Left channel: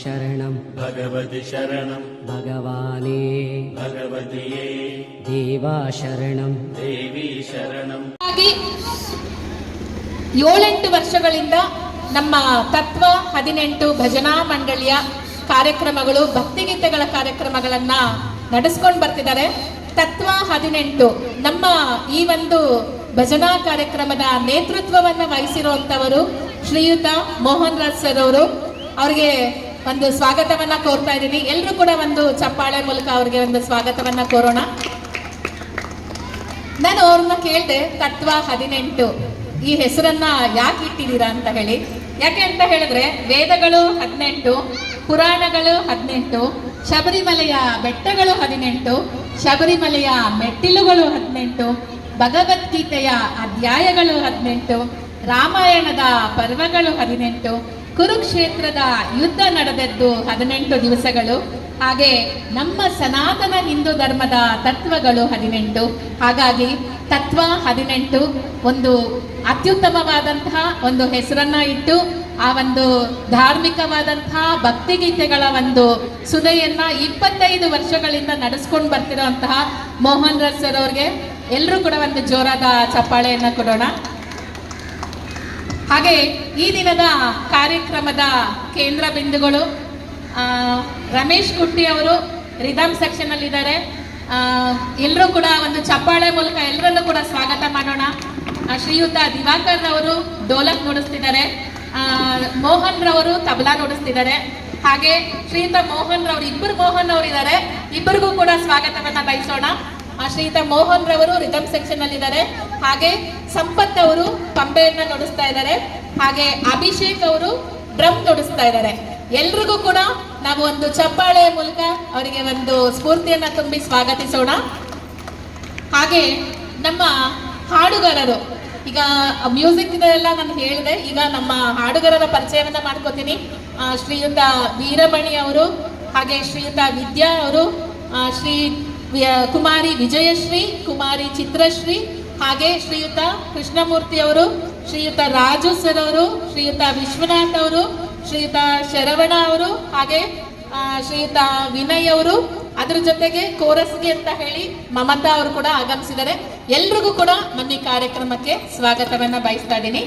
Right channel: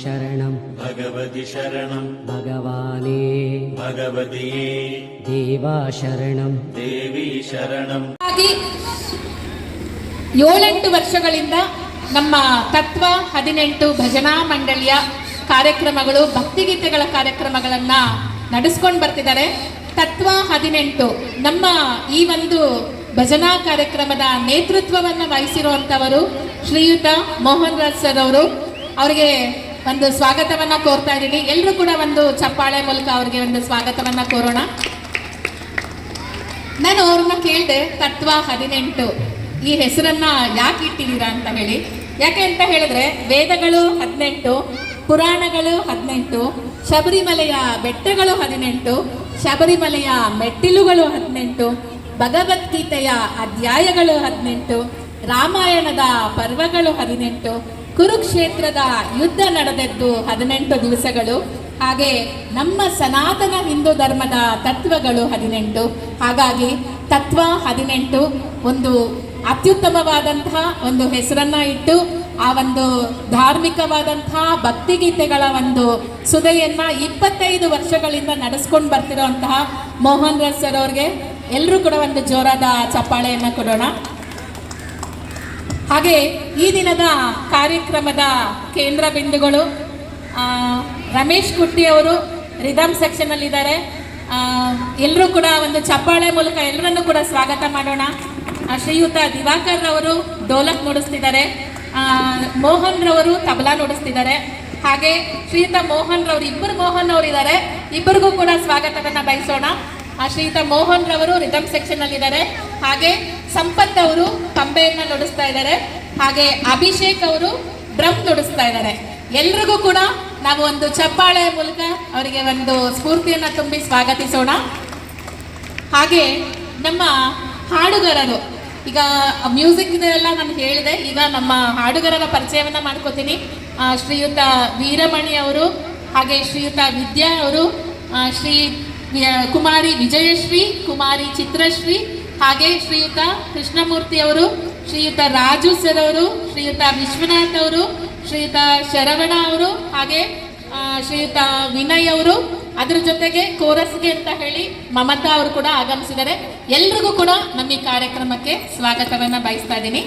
ಶರಣಂ ಭಗವತಿ ಶರಣಂ ಭಗವಾನೇ ಭಗವತಿಯೇ ದೇವಾ ಶರಣಂ ದೇವಿ ಶರಣಂ. 7-8 ವರ್ಷಗಳಿಂದ ನಮ್ಮ ತತ್ವ 18 ಭಜನಾ ಮಂಡಳಿಯ ಕಾರ್ಯಕ್ರಮಗಳು, ಭಕ್ತಿಗೀತೆಗಳ ಕಾರ್ಯಕ್ರಮಗಳನ್ನು ನಡೆಸ್ಕೊಂಡು ಬರ್ತಿದ್ದಾರೆ. ತತ್ವ 18 ನಮ್ಮ ಈ ಒಂದು ಭಜನಾ ಕಾರ್ಯಕ್ರಮದ ನೇತೃತ್ವವನ್ನು ವಹಿಸಿರುವಂಥವರು ಶ್ರೀಯುತ ಮೋಹನ್ ರಾಜ್ ಸರ್ ಅವರು. ಅವರಿಗೆ ಒಂದು ಸ್ವಾಗತವನ್ನು ಕೋರ್ತಾ ಇದ್ದೀನಿ. ಎಲ್ಲರೂ ಕೂಡ ಒಂದು ಚಪ್ಪಾಳೆ ಮೂಲಕ ಅವರಿಗೆ ಒಂದು ಸ್ವಾಗತವನ್ನು ಕೋರೋಣ. ನಾನು ಅವ್ರನ್ನ ಕೇಳಿದೆ, ತತ್ವ 18 ಈ ಹೆಸರನ್ನ ಯಾಕೆ ಇಟ್ಟಿದ್ದೀರಾ ಅಂತ ಹೇಳಿ. ಯಾಕೆ ಅಂತ ಹೇಳಿದ್ರೆ, ವೇದಗಳು 18, ಪುರಾಣಗಳು 18, ಶಬರಿಮಲೆಯ ಬೆಟ್ಟಗಳು 18, ಶಬರಿಮಲೆಯ ಮೆಟ್ಟಿಲುಗಳು 18, ಭಗವದ್ಗೀತೆಯ ಅಧ್ಯಾಯಗಳು 18, ರಾಮಾಯಣದ ಪರ್ವಗಳು 18, ಕುರುಕ್ಷೇತ್ರದ ಯುದ್ಧ ನಡೆದದ್ದು 18 ದಿವಸಗಳು, ಹಾಗೆ ನಮ್ಮ ಸನಾತನ ಹಿಂದೂ ಧರ್ಮದ ತತ್ವಗಳು 18. ಹಾಗಾಗಿ ತತ್ವ 18 ಒಂದು ಅತ್ಯುತ್ತಮವಾದಂತಹ ಒಂದು ಹೆಸರನ್ನ ಇಟ್ಟು ಆ ಒಂದು ಧಾರ್ಮಿಕವಾದಂತಹ ಭಕ್ತಿಗೀತೆಗಳ ಒಂದು ಸುದೆಯನ್ನ 25 ವರ್ಷಗಳಿಂದ ನಡೆಸ್ಕೊಂಡು ಬರ್ತಿರೋಂತಹ ಮೋಹನ್ ರಾಜ್ ಸರ್ ಅವ್ರಿಗೆ ಎಲ್ಲರೂ ಕೂಡ ಒಂದು ಜೋರಾದ ಚಪ್ಪಾಳೆಯನ್ನು ಕೊಡೋಣ. ಹಾಗೆ ಈ ದಿನದ ಕಾರ್ಯಕ್ರಮದ ಕೇಂದ್ರ ಬಿಂದುಗಳು ರಮೇಶ್ ಕುಟ್ಟಿ ಅವರು ರಿದಮ್ ಸೆಕ್ಷನ್ ಅಲ್ಲಿ ಇದ್ದಾರೆ. ಎಲ್ಲರೂ ಕೂಡ ಒಂದು ಚಪ್ಪಾಳೆ ಮೂಲಕ ಎಲ್ಲರನ್ನು ಕೂಡ ಸ್ವಾಗತ ಮಾಡೋಣ. ಶ್ರೀಯುತ ದಿವಾಕರ್ ರವರು ಡೋಲಕ್ ನುಡಿಸ್ತಿದ್ದಾರೆ, ಮೋಹನ್ ರವರು ತಬಲಾ ನುಡಿಸ್ತಿದ್ದಾರೆ. ಹಾಗೆ ಶ್ರೀಯುತ ಮೋಹನ್ ರವರು, ಇಬ್ಬರು ಮೋಹನ್ ಅವರು ಇದ್ದಾರೆ, ಇಬ್ಬರಿಗೂ ಕೂಡ ಸ್ವಾಗತವನ್ನ ಬಯಸೋಣ. ಶ್ರೀಯುತ ಮೋಹನ್ ರವರು ರಿದಮ್ ಸೆಕ್ಷನ್ ಅಲ್ಲಿ ಇದ್ದಾರೆ. ಹಾಗೆ ಸಂಪತ್ ಅವರು ಪಂಬೆಯನ್ನ ನುಡಿಸ್ತಾ ಇದ್ದಾರೆ. ಹಾಗೆ ಅಭಿಷೇಕ್ ಅವರು ಡ್ರಮ್ ನುಡಿಸ್ತಾ ಇದ್ದಾರೆ. ಎಲ್ರಿಗೂ ಕೂಡ ನಾವು ಒಂದು ಚಪ್ಪಾಳೆ ಮೂಲಕ ಅವರಿಗೆ ಒಂದು ಸ್ಫೂರ್ತಿಯನ್ನ ತುಂಬಿ ಸ್ವಾಗತಿಸೋಣ. ಹಾಗೆ ನಮ್ಮ ಹಾಡುಗಾರರು, ಈಗ ಮ್ಯೂಸಿಕ್ ಇದೆಲ್ಲ ನಾನು ಹೇಳಿದೆ, ಈಗ ನಮ್ಮ ಹಾಡುಗಾರರ ಪರಿಚಯವನ್ನ ಮಾಡ್ಕೋತೀನಿ. ಶ್ರೀಯುತ ವೀರಮಣಿ ಅವರು, ಹಾಗೆ ಶ್ರೀಯುತ ವಿದ್ಯಾ ಅವರು, ಶ್ರೀ ಕುಮಾರಿ ವಿಜಯಶ್ರೀ, ಕುಮಾರಿ ಚಿತ್ರಶ್ರೀ, ಹಾಗೆ ಶ್ರೀಯುತ ಕೃಷ್ಣಮೂರ್ತಿ ಅವರು, ಶ್ರೀಯುತ ರಾಜು ಸರ್ ಅವರು, ಶ್ರೀಯುತ ವಿಶ್ವನಾಥ್ ಅವರು, ಶ್ರೀಯುತ ಶರವಣ ಅವರು, ಹಾಗೆ ಶ್ರೀಯುತ ವಿನಯ್ ಅವರು. ಅದ್ರ ಜೊತೆಗೆ ಕೋರಸ್ಗೆ ಅಂತ ಹೇಳಿ ಮಮತಾ ಅವರು ಕೂಡ ಆಗಮಿಸಿದ್ದಾರೆ. ಎಲ್ರಿಗೂ ಕೂಡ ನಮ್ಮ ಈ ಕಾರ್ಯಕ್ರಮಕ್ಕೆ ಸ್ವಾಗತವನ್ನ ಬಯಸ್ತಾ ಇದ್ದೀನಿ.